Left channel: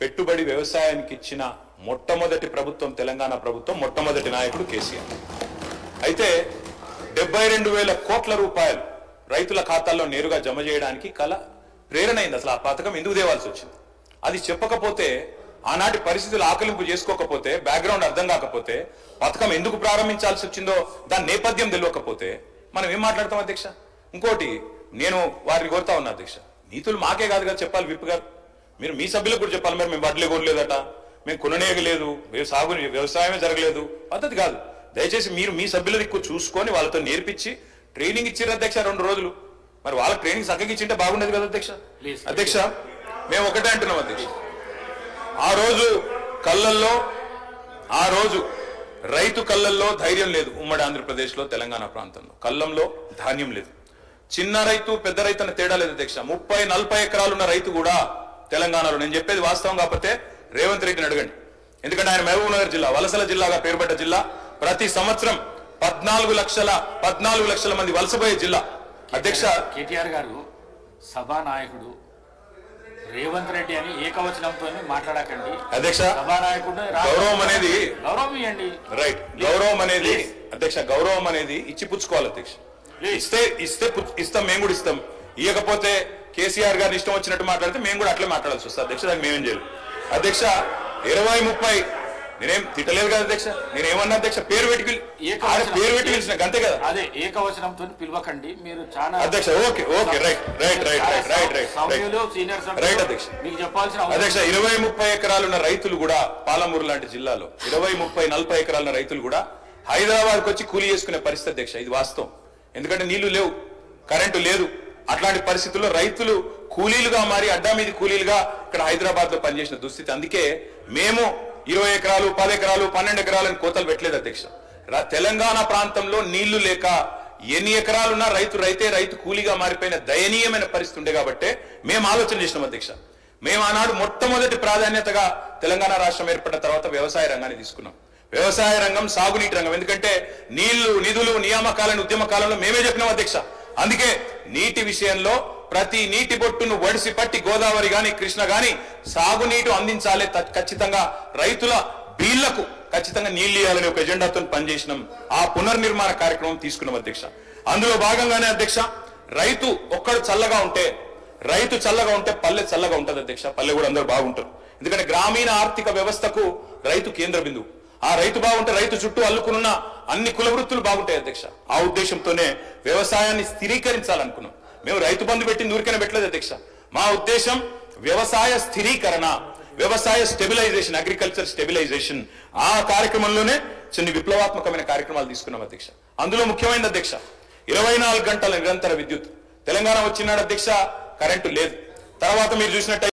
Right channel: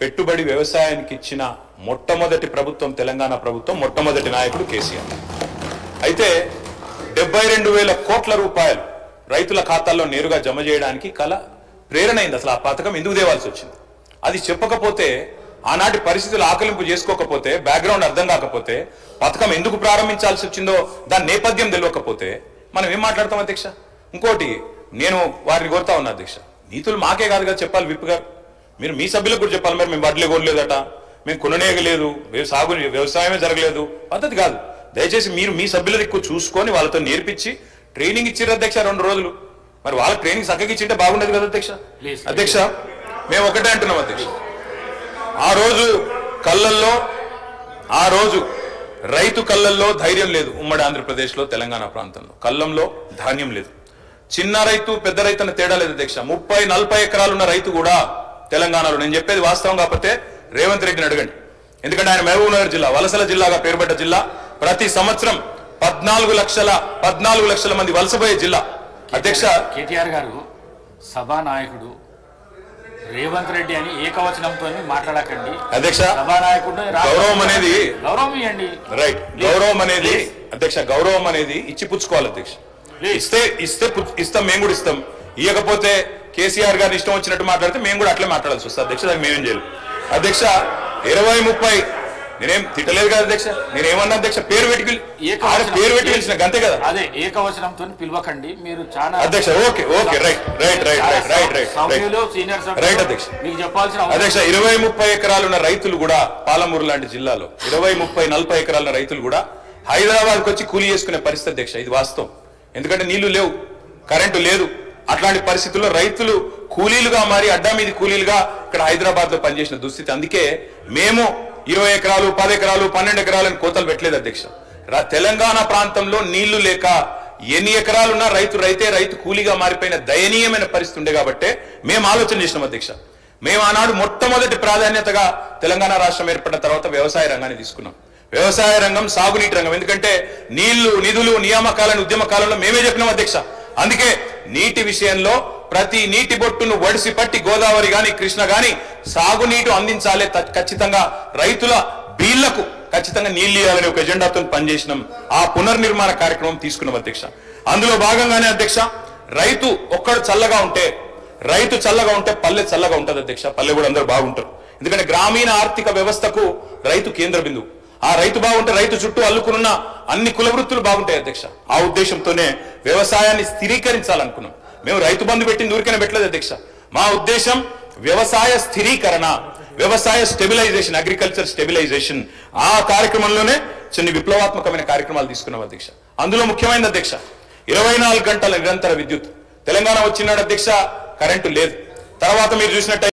పెట్టుబడి వ్యవసాయానికి ఇచ్చిన మొట్టమొదటి ప్రభుత్వం తెలంగాణ ప్రభుత్వం, మొట్టమొదటి నాయకుడు కేసీఆర్. అయితే 72,000 కోట్ల రూపాయలు రైతుల ఖాతాల్లో నేరుగా జమ చేయడానికి ప్రేరణ అయింది. అసలు ఆ పథకం ఎందుకు తేవాల్సి వచ్చింది అది చెప్పకపోతే, ఆనాటి పరిస్థితులు ఆకలింపు చేసుకోకపోతే, బ్యాక్గ్రౌండ్ అర్థం కాకపోతే, పథకం ఎందుకు ప్రారంభించాల్సి వచ్చిందో దాని నేపథ్యం తెలియకపోతే మనం ఏం మాట్లాడతాం అధ్యక్ష? ఇంకోటి నేను వారిని కోరుతా ఉన్నా అధ్యక్ష, నీతులు మాకే కాదు కదా చెప్పాలి. విప్ గారు మీరు మీ సభ్యులకు కూడా చెప్పాలి. మరి మేము వడ్లే కొనలేదట, మేము కొననేయలేదు, వ్యవసాయమే జరగలేదు, పద్ధతి కాదు. దయచేసి మీరు మీ సభ్యుల దిక్కు చూసుకొని వాళ్ళతో నేర్పించి ట్రైనింగ్ ఇచ్చారు అధ్యక్ష 2 రోజులు. మరి వాళ్ళ ట్రైనింగ్ చక్కగా ఇచ్చింటే బాగుండేది కదా అధ్యక్ష. అధ్యక్ష మేము ఒకటే అంటున్నాం అధ్యక్ష, ఆ రోజు రైతు కళ్ళల్లో ధైర్యం లేదు. ఉమ్మడి ఆంధ్రప్రదేశ్లో తెలంగాణ ప్రాంతంలో కళ్ళంలో ధాన్యం లేదు. చిన్న రైతు పెద్ద రైతు అన్న తేడా లేదు అధ్యక్ష. 30-40 ఎకరాలున్న రైతు కూడా తెలంగాణలో, నేను చెప్పేది వాస్తవం కాకపోతే రేవంత్ రెడ్డిని అడగండి. ఎందుకంటే ఆయన మహబూబ్ నగర్ జిల్లా వలసల జిల్లాగా పేరుపడ్డ జిల్లా. ప్రతి సంవత్సరం 14 లక్షల మంది వలసపోయే జిల్లా. అధ్యక్ష కేటీఆర్ గారు సభానాయకుడు రేవంత్ రెడ్డి అని ఏకవచనంతో మాట్లాడకండి అధ్యక్ష. సభానాయకుడు గౌరవం అనేది గౌరవం ఇవ్వండి. రైట్, గౌరవం అనేది అధ్యక్ష, గౌరవం అనేది ఇచ్చి పుచ్చుకోవాలి అధ్యక్ష. ఇస్తాం, మేము కూడా ఇస్తాం. ఇవ్వకపోతే కేసీఆర్ గారిని ఇష్టం వచ్చినట్టు మాట్లాడితే మేము కూడా అట్లే మాట్లాడాల్సి వస్తుంది అధ్యక్ష. దానికి మేమేం చేయాలి అధ్యక్ష? 20-30 నేనేం తిట్టలేదు కదా అధ్యక్ష. నేనేమన్నా అధ్యక్ష పేరు పెట్టి పిలిచిన అంతే కదా. అదే ఏకవచనంతో పిలవకండి మీరు చాలా అధ్యక్ష. ఓకే రైట్ అధ్యక్ష. మీకు చెప్పాల్సిన అధ్యక్ష 20-30 ఎకరాలున్న రైతులు కూడా పాలమూరు లాంటి జిల్లాలో 20-30-40 ఎకరాల రైతులు కూడా హైదరాబాద్కి వచ్చి కూలీ చేసుకునే పరిస్థితి అధ్యక్ష. ఇది వాస్తవం. ఎందుకంటే నీళ్లు లేవు, కరెంటు లేదు. అట్లాంటి పరిస్థితుల్లో రైతులు కూలీలుగా మారి అడ్డా మీది కూలీలుగా ఇక్కడ హైదరాబాద్ లో పనిచేసిన దుస్థితి. అందుకే మేము 20 ఎకరాలు 10 ఎకరాలు 12 ఎకరాలను కోతలు పెట్టలేదు అధ్యక్ష. తెలంగాణ ప్రాంతంలో నీళ్లు లేక ఎన్ని ఎకరాలున్నా రైతు కూలీగా మారిపోయిన దయనీయమైన పరిస్థితి ఉండే కాబట్టే మేము ఆలోచన చేసినాం అధ్యక్ష. మేము ఆనాడు మొట్టమొదటి ప్రాధాన్యతగా తెలంగాణ రాష్ట్రం ఏర్పడిన తర్వాత వ్యవసాయ రంగాన్ని తీసుకున్నాం. వ్యవసాయ రంగం, సాగునీటి రంగం. ఎందుకంటే నీళ్లు, నిధులు, నియామకాలను ఉద్యమ కాలంలో మేమే చెప్పినాం అధ్యక్ష. అందుకే నీటి విషయంలో ప్రతి నీటి బొట్టును వడిసి పట్టి గోదావరి గాని కృష్ణ గాని సాగునీటి అందించాలి, ఖచ్చితంగా రైతుల బీళ్లకు ఖచ్చితంగా నీళ్లు ఇవ్వాలని ఒక ఎజెండాతో పనిచేసినాం. ఆ పునర్నిర్మాణ కార్యక్రమం తీసుకున్నాం అధ్యక్ష. అందులో భాగంగానే అధ్యక్ష, రైతు చల్లగా ఉంటే పల్లె చల్లగా ఉంటుంది అధ్యక్ష. పల్లె కూడా అందరూ బాగుంటారు. ఎందుకంటే గ్రామీణ ఆర్థిక వ్యవస్థకు రైతు కేంద్ర బిందువు. ఆ రైతు బాగుంటే రైతు చుట్టూ అల్లుకున్న అన్ని కుల వృత్తులు బాగుంటాయి అధ్యక్ష. ఆ ఉద్దేశంతోనే వ్యవసాయాన్ని స్థిరీకరించాలనుకున్నాం. మేము రైతు బంధు పెట్టింది ఊరికనే పెట్టలేదు అధ్యక్ష. మా ఉద్దేశం వ్యవసాయ స్థిరీకరణ, వ్యవసాయ స్టెబిలైజేషన్, అగ్రికల్చర్ స్టెబిలైజేషన్. ఆ కార్యక్రమంలోనే చిన్న విప్లవాత్మకమైన కార్యక్రమాలు తీసుకున్నాం అధ్యక్ష. అందులో ముఖ్యమైనది అధ్యక్ష 24 గంటల నిరంతర విద్యుత్. తెలంగాణ వచ్చినాడు అధ్యక్ష, కరెంటు లేదు. తర్వాత మీరు చూసినట్టు